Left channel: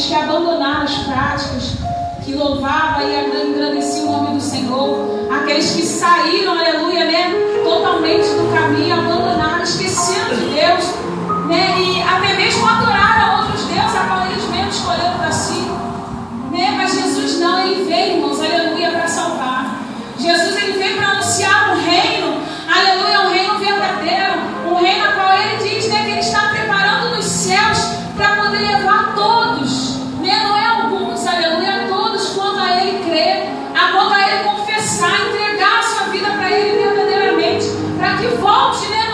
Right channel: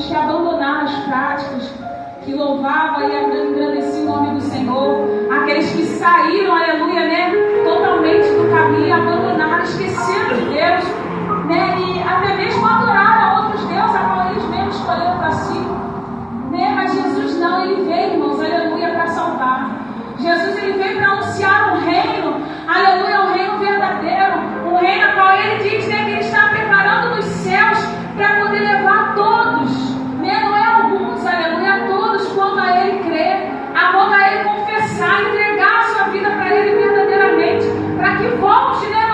aqueles que abandonaram as práticas, que louvavam e engrandeciam o nome do Senhor, aqueles que saíram, aleluia, né, totalmente do caminho, abandonaram, esqueceram de Deus, né, e até mesmo adoraram outros deuses, a qual eles mesmos escolheram para si, né, mas Jesus não, ele veio, irmãos, aleluia, para salvar. Jesus, ele veio para anunciar um reino, aleluia, um reino verdadeiro, um reino a qual ele diz, né, que ele está preparando nos céus para poder levar todos, né, não é alguns, aleluia, todos quanto a ele crer, a quanto a ele confessar, entregar a sua vida para ele verdadeiramente, para que volte, né,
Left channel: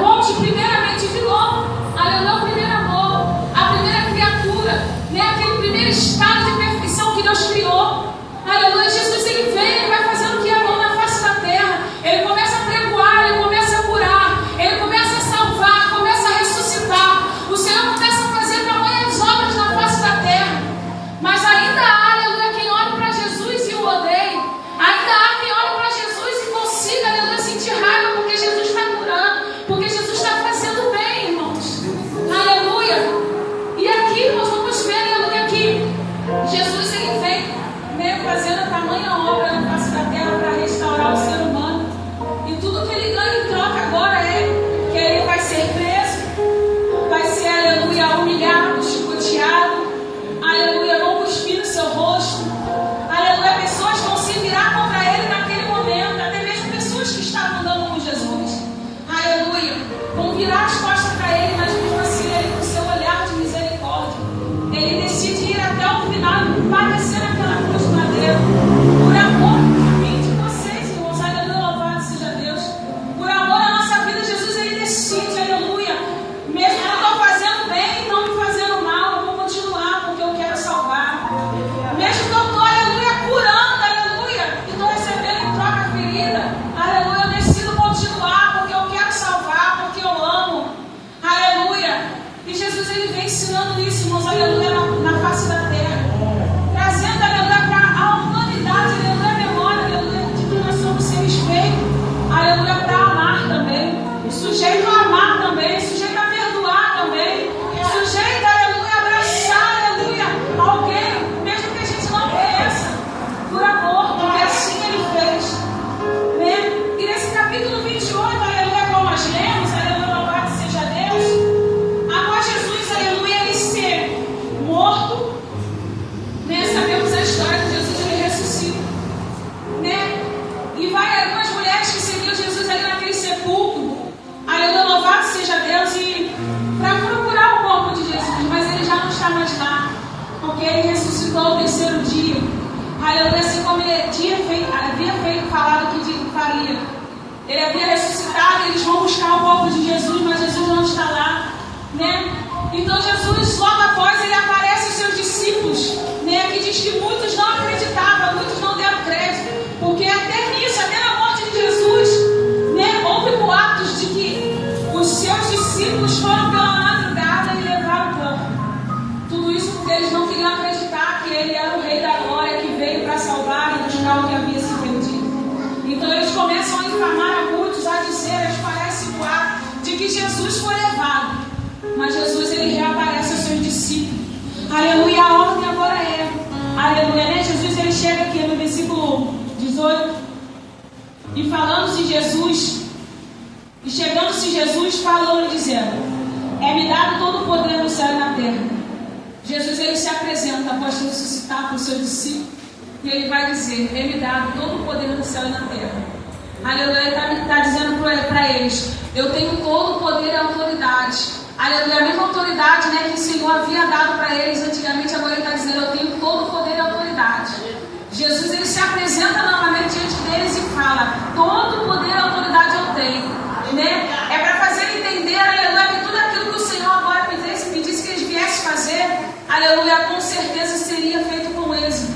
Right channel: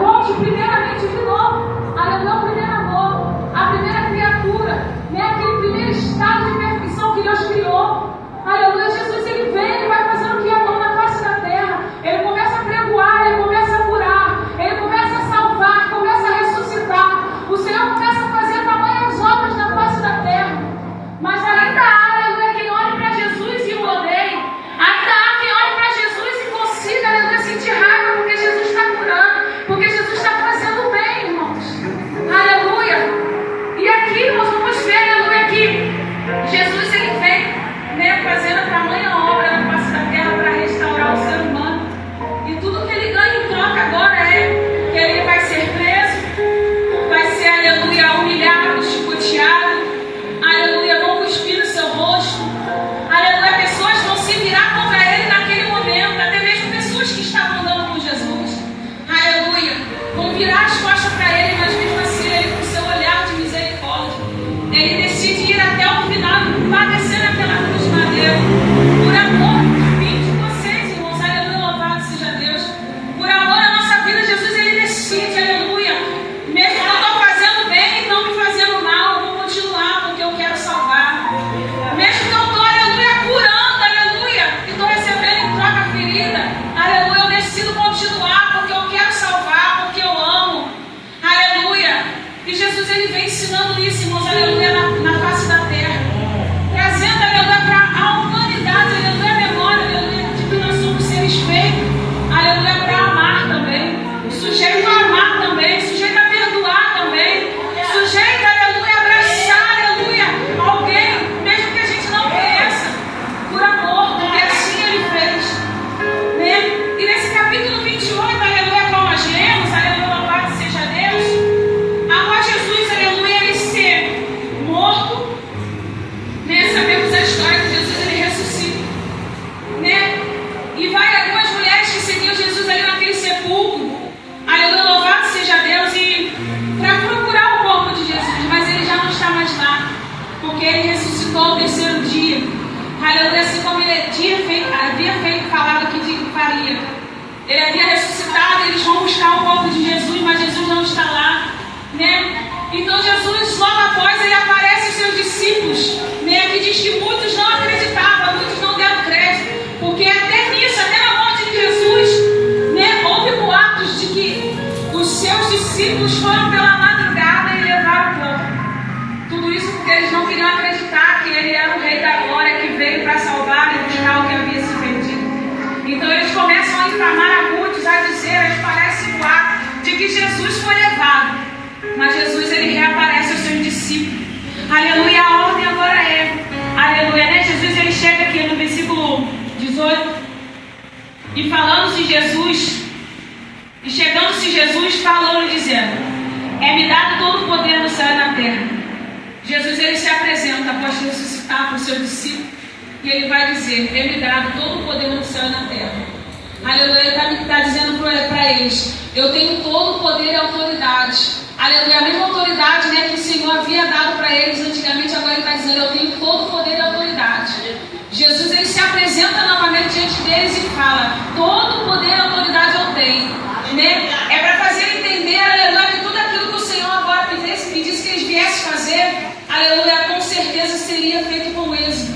volte primeiramente de novo, aleluia, o primeiro amor, a primeira criatura, né, aquele primeiro estado de perfeição que Deus criou, aleluia. Jesus, ele vem, ele vai fazendo o que é bom na face da terra, ele começa a pregoar, ele começa a curar, ele começa a salvar, começa a ressuscitar, o Senhor começa a fazer tamanhas obras na face da terra, mas ainda há, aleluia, quem olhe para Jesus e o odeie, ainda há quem olhe para Jesus e consiga, aleluia, sentir raiva porque Jesus está curando, porque Jesus está fazendo bem, irmãos, aleluia. E aqui, irmãos, vamos ver, aleluia, que Jesus, ele vem, né, fazendo a tamanha obra na face da terra para restaurar o ser humano, e tudo que ele ganha em troca agora é que ele vai ser preso, vai ser, aleluia, humilhado, chicoteado, aleluia, vão cuspir no seu rosto, aleluia, pessoas vão se virar contra ele naquele momento, até mesmo pessoas que estavam andando com Jesus, aleluia, vão virar as costas para ele, mas mesmo assim ele, com seu olhar de misericórdia, ele decide ir até o final e padecer naquela cruz de madeira, por amor por mim de vocês, irmãos, aleluia, louvado seja Deus, por amor à nossa vida. Jesus, ele decide, aleluia, mesmo que eu estou fazendo bem e não me fazendo mal, eu vou continuar porque eu quero salvar, mesmo que eu estou, aleluia, curando, aleluia, e estou recebendo em troca ferida, aleluia, eu decido continuar porque eu quero salvar, porque eu amo, aleluia. E Jesus, ele vem ensinando isso, irmãos, aleluia, na face da terra, trazendo, aleluia, para a humanidade, aleluia, a memória, aleluia, de que nós somos seres feitos, aleluia, para amar também, sujeito a amar também, sujeito a perdoar também, sujeito, aleluia, a abraçar, aleluia, alguém, mesmo que a gente não conheça, por amor, porque assim ele fez, né? E nesse capítulo 28, aleluia, como nós lemos, aleluia, louvado seja Deus, após Jesus, aleluia, ele ser morto, né, sabemos a história que Jesus, ele ressuscita, né, e vai algumas mulheres que seguiam Jesus ali naquele sepulcro, aleluia, louvado seja Deus, e para procurar o corpo de Jesus, mas ele já não está mais lá, porque ele ressuscitou ao terceiro dia, aleluia, assim como ele havia feito, falado que faria, ele havia ressuscitado, eles vão buscar o corpo de Jesus, mas Jesus não está lá, né? Então Jesus, logo após, ele aparece aos seus discípulos, né? Que diz que muitos não acreditavam, muitos não deram crédito, porque até nisso, até na morte de Jesus, né, houve boatos de que os seus discípulos foram pela madrugada e levaram o corpo. Tudo isso porque eles não queriam acreditar que ele era o Rei da Glória, que veio para salvar e buscar o que havia se perdido. Então eles começam a infamar a muitos, a dizer, a espalhar esse boato de que Jesus foi levado. Mas Jesus, ele reaparece aos seus discípulos. Aleluia, a ordem agora é, aleluia, né? Jesus, ele chega aqui no versículo 18, e falando-se Jesus, e chegando-se Jesus, falando, dizendo, é-me dado todo o poder no céu e na terra. Jesus, ele se apresenta após ressuscitar para os seus discípulos, e ele vai dizer, é-me dado todo o poder no céu e na terra. Aleluia, ele está dizendo para eles, eu tenho todo o poder e autoridade. Aleluia, a mesma autoridade, né, que o Senhor havia dado para eles antigamente, agora ele está dizendo, eu tenho todo o poder e autoridade. Jesus, ele se apresenta novamente diante deles e fala, todo o poder e autoridade eu tenho, né? É para fazer entender, aleluia, que tudo aquilo que o Senhor agora pedisse que eles viessem fazer, aleluia, com certeza seria feito com êxito.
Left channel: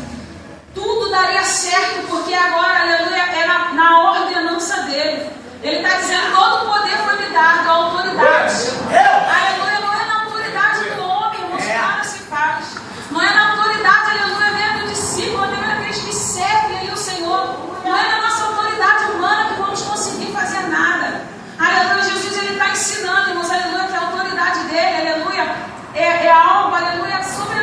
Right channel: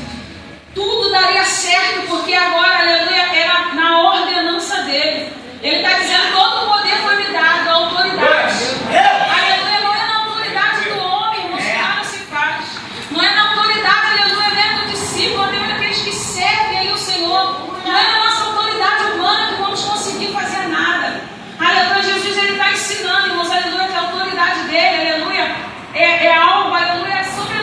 Tudo daria certo, porque agora, aleluia, era na ordenança dele. Ele está dizendo, todo o poder foi me dado, a autoridade. Aleluia, não é na autoridade do homem, irmãos, nada se faz. Não é na autoridade, aleluia, nem do discípulo, até mesmo aqueles que servem ali o Senhor. Não é na nossa autoridade humana que vamos conseguir fazer nada. Aleluia, Jesus, ele está ensinando, irmãos, aleluia, que a autoridade dele, aleluia, é algo, aleluia, sobre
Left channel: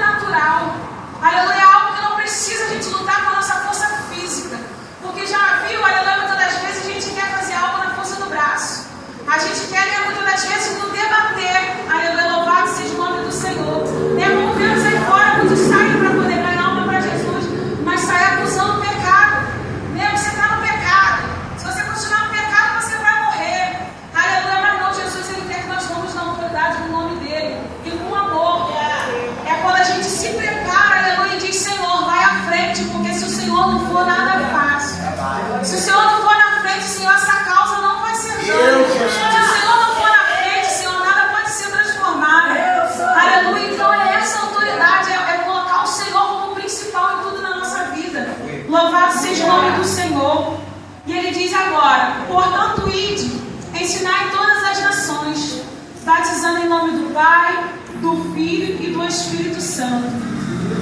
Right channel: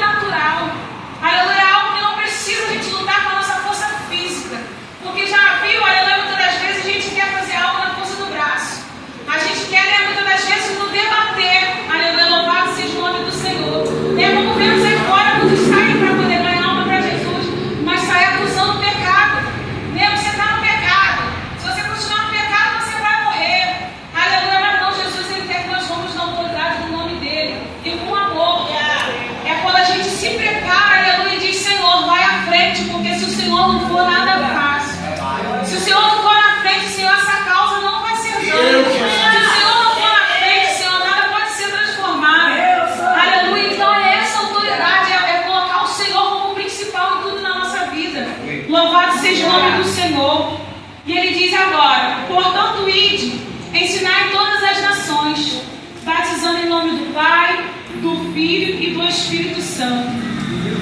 Espírito Santo,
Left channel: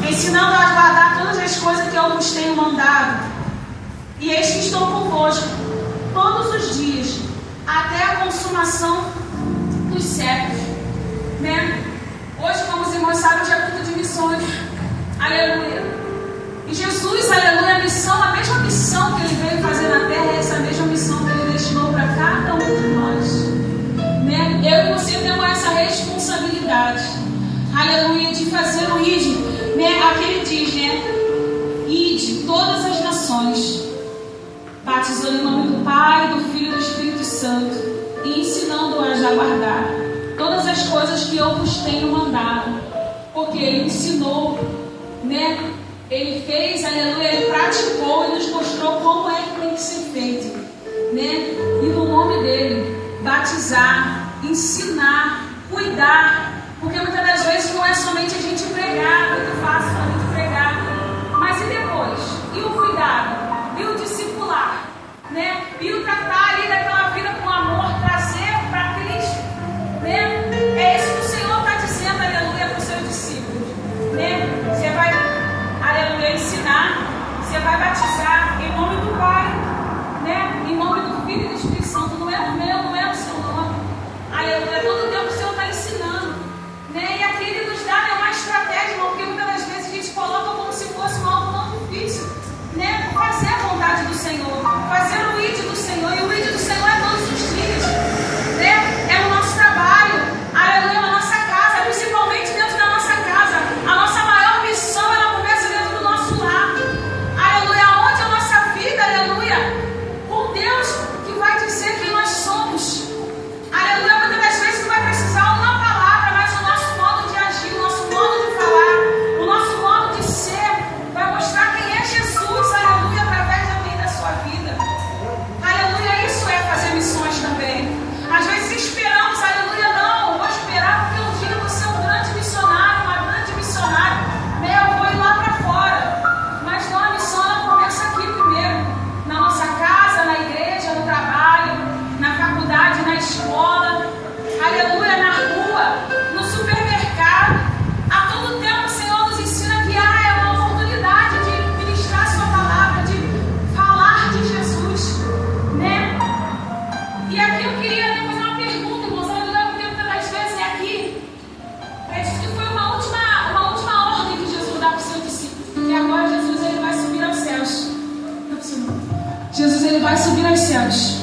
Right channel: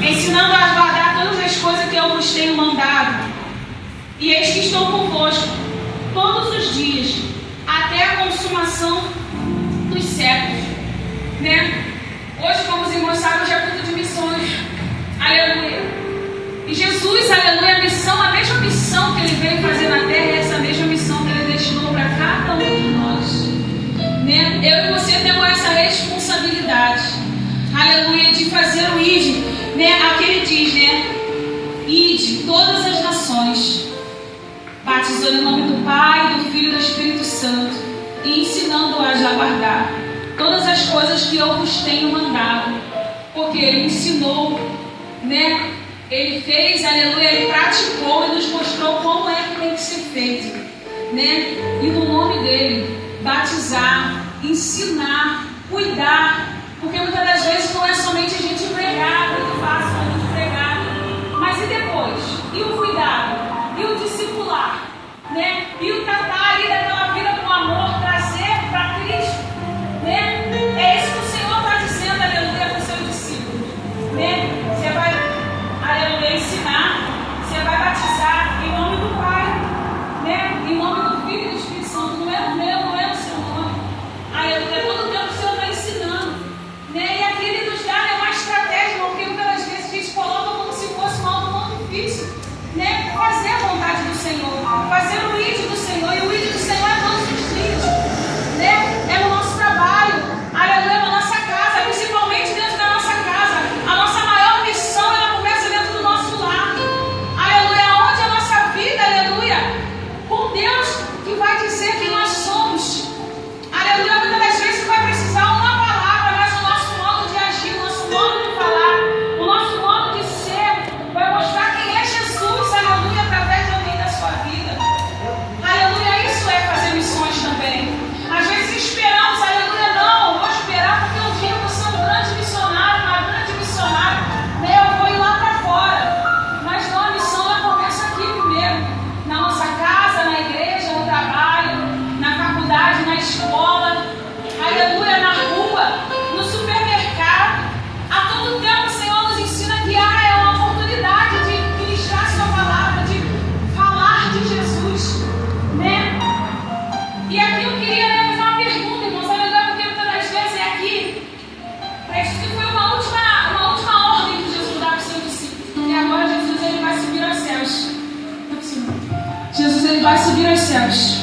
ensinando a guardar todas as coisas que eu vos tenho mandado. E eis que estou convosco todos os dias, até a consumação dos séculos. Né? Hoje, como os irmãos sabem, hoje é culto de missões. Aleluia. E Jesus, aleluia, a mesma missão que Ele veio fazer na terra, é essa mesma missão que Ele destinou para cada um de nós. Né? Eu e você temos essa responsabilidade, aleluia, de fazer o ide, né? Aqui Ele diz, né? Ide todas as nações, batizando em nome do Pai, do Filho e do Espírito Santo, e ensinando-as a guardar todas as coisas que eu vos tenho mandado, porque Ele ensinou, né? Ele fez, aleluia, Ele praticou e nos mostrou como é que tem que ser feito, né? E no nome dEle, batizar, ensinar, cuidar, porque muitas das vezes não é somente a gente pregar, muito fácil a gente pregar, mas e depois? E o cuidado? E o discipular? Né? E o tratar ali daquela vida com amor, trazer para Cristo, né? É isso que o Senhor está dizendo, aleluia, para os seus discípulos, né? Você vai, aleluia, ensinar, você vai batizar em nome do Pai, né? Em nome do Filho e do Espírito Santo. Não é o meu, não é o seu nome, aleluia. Todo o tempo o Senhor está ensinando, né? E aqui Ele nos dá, né, uma estratégia, porque muitas das vezes a gente coloca como se fosse algo não difícil, né? Fazer a vontade do Senhor, fazer o ide do Senhor, e o ide do Senhor é todos os dias, né? É no nosso trabalho, aleluia, na nossa casa, principalmente dentro da nossa casa. A nossa maior missão, ela começa dentro do nosso lar, aleluia, onde a nossa vida, aleluia, com Deus, que vai dizer quem nós somos, aleluia. Muitas das vezes não vai precisar uma palavra, mas o nosso modo de agir, o nosso modo de falar, o nosso modo de ser, vai mostrar quem é Jesus, aleluia, através da minha e da sua vida, aleluia. Isso é fazer missões também. Às vezes esperamos, aleluia, não, vou esperar porque um dia eu vou ser um grande missionário, uma grande missionária, né? Eu vou ir lá para fora. Mas não, a missão ela começa aqui primeiro, na nossa casa, na igreja, no trabalho, na faculdade, na escola, aleluia, na rua, no supermercado. A todo tempo o Senhor nos ensina que é uma oportunidade de ministrar a sua palavra, de falar de Jesus, né? E aqui eu queria, né, fazer uma pergunta, irmãos, aleluia, porque muitas das vezes é aqui. Isso que foi uma última ordem que Jesus dá para os seus discípulos. E agora Jesus ele vai subir aos céus. Jesus ele vai subir aos céus.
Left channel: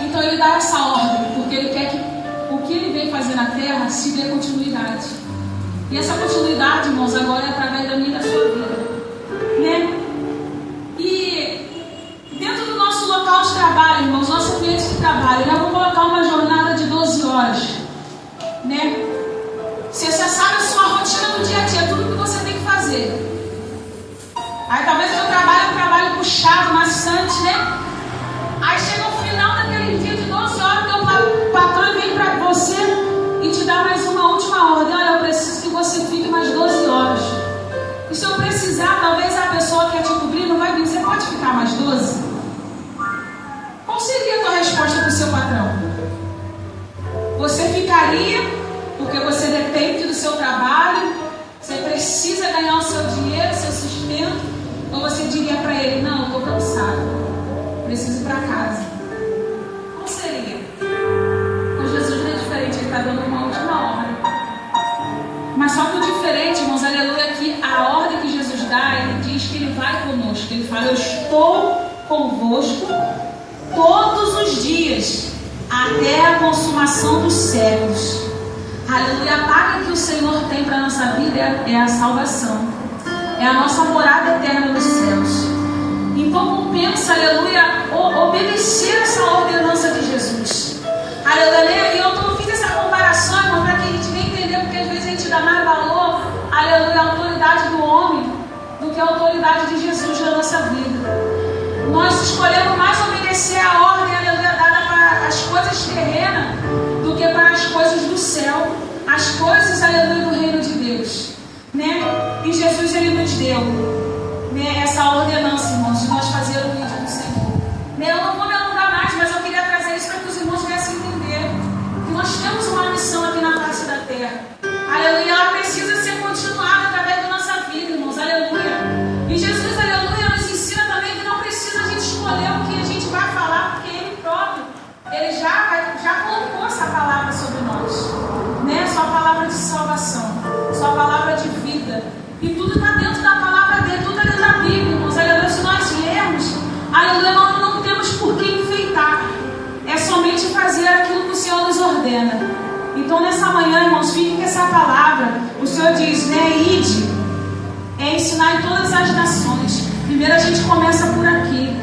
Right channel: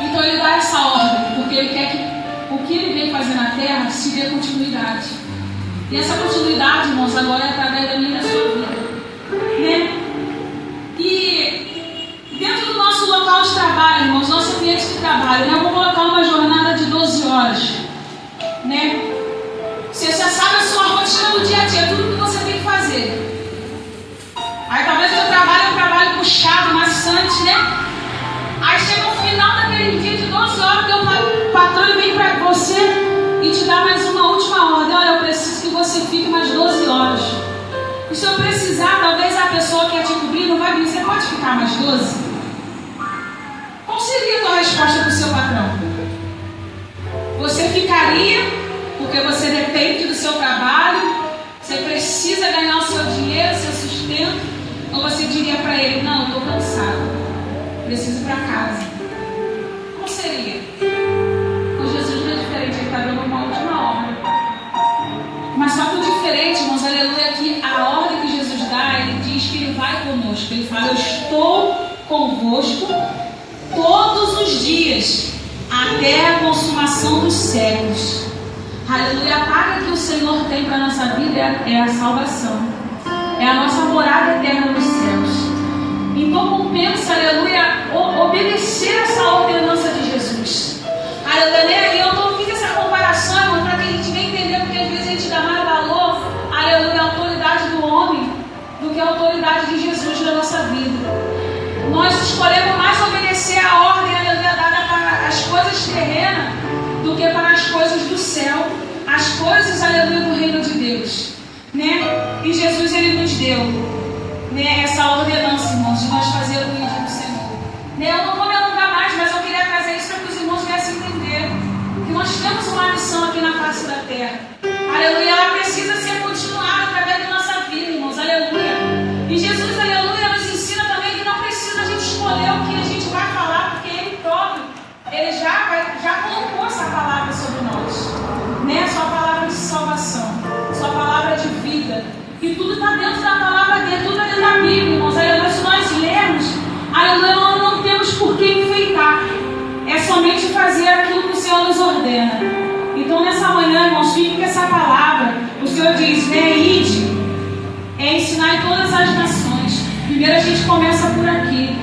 Então ele dá essa ordem, porque ele quer que o que ele vem fazer na terra se dê continuidade. E essa continuidade, irmãos, agora é através da minha e da sua vida, né? E dentro do nosso local de trabalho, irmãos, nosso ambiente de trabalho, né? Eu vou colocar uma jornada de 12 horas, né? Você já sabe a sua rotina do dia a dia, tudo que você tem que fazer. Aí talvez o seu trabalho é um trabalho puxado, maçante, né? Aí chega o final daquele dia de 12 horas, que o patrão vem para você e te dá mais uma última ordem. Olha, eu preciso que você fique mais 12 horas. E se eu precisar, talvez a pessoa que quer te cobrir não vai vir. Você pode ficar mais 12? Qual seria a tua resposta para o seu patrão? Você ficaria porque você depende do seu trabalho, você precisa ganhar o seu dinheiro, o seu sustento, ou você diria para ele, não, eu estou cansado, preciso ir para casa? Qual seria? Com Jesus não é diferente, ele está dando uma última ordem. Mas só que o diferente, irmãos, aleluia, que a ordem que Jesus dá, ele diz que ele vai conosco. Ele fala, eu estou convosco todos os dias, até a consumação dos séculos. Aleluia, a paga que o Senhor tem para a nossa vida é a salvação, é a nossa morada eterna nos céus. Então compensa, aleluia, obedecer essa ordenança de Jesus. Aleluia, e eu fiz essa comparação, irmão, para que a gente venha entender, porque às vezes a gente dá mais valor, aleluia, à autoridade do homem do que a autoridade de Jesus na nossa vida. Nós escolhemos mais obedecer a ordem, aleluia, dada para as coisas terrenas do que para as coisas do céu, as coisas, aleluia, do reino de Deus, né? E Jesus, ele nos deu, né, essa ordenança, irmãos, de nós fazer o vídeo do Senhor, né? Eu não vou me alongar mais, mas eu queria trazer isso para que os irmãos viessem entender que nós temos uma missão aqui na face da terra, aleluia. Ela precisa ordena. Então nessa manhã, irmãos, fique com essa palavra. O Senhor diz, né, ide, ensinar em todas as nações. Primeiro a gente começa por aqui.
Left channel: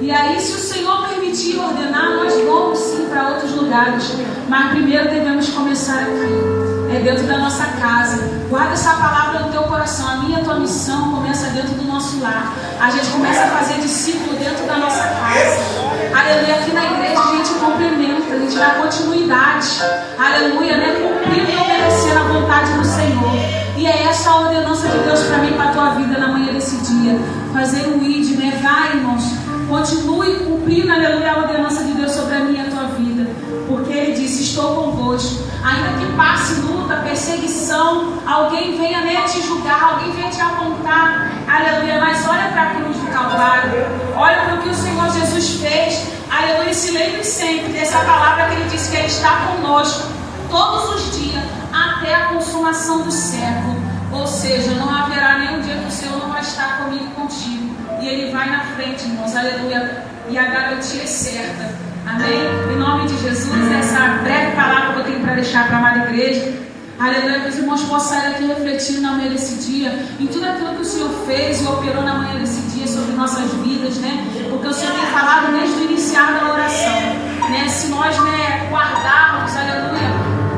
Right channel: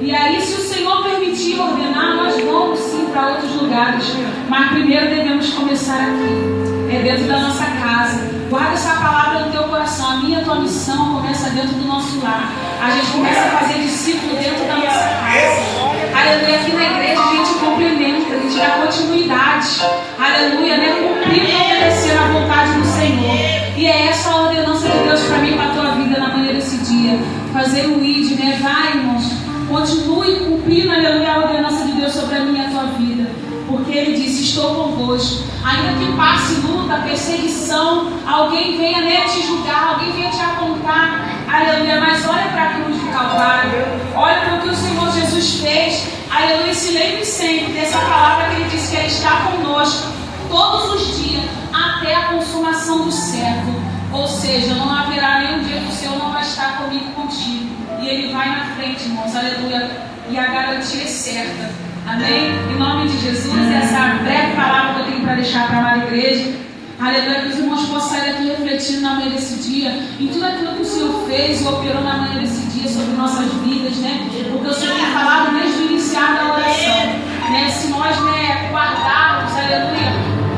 E aí, se o Senhor permitir ordenar, nós vamos sim para outros lugares. Mas primeiro devemos começar aqui. É dentro da nossa casa. Guarda essa palavra no teu coração. A minha, a tua missão começa dentro do nosso lar. A gente começa a fazer discípulo dentro da nossa casa. Aleluia. Aqui na igreja a gente complementa, a gente dá continuidade. Aleluia, né? Cumprir e obedecer a vontade do Senhor. E é essa a ordenança de Deus para mim, para a tua vida na manhã desse dia. Fazer o ID, né? Vai, irmãos. Continue cumprindo, aleluia, a ordenança de Deus sobre a minha e a tua vida. Porque Ele disse, estou convosco. Ainda que passe luta, perseguição, alguém venha, né, te julgar, alguém venha te apontar. Aleluia, mas olha para a cruz do Calvário. Olha para o que o Senhor Jesus fez. Aleluia, se lembre sempre dessa palavra que Ele disse que Ele está conosco todos os dias, até a consumação do século. Ou seja, não haverá nenhum dia que o Senhor não vai estar comigo e contigo. E Ele vai na frente, irmãos, aleluia. E a garantia é certa. Amém? Em nome de Jesus, essa breve palavra que eu tenho para deixar para a amada igreja. Aleluia, que os irmãos possam sair daqui refletindo na manhã desse dia, em tudo aquilo que o Senhor fez e operou na manhã desse dia sobre nossas vidas, né? Porque o Senhor tem falado desde o iniciar da oração, né? Se nós, né, guardarmos, aleluia,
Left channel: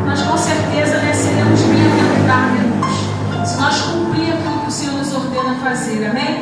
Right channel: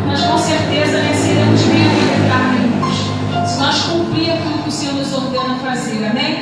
nós com certeza, né, seremos bem-aventurados, irmãos. Se nós cumprir aquilo que o Senhor nos ordena fazer, amém?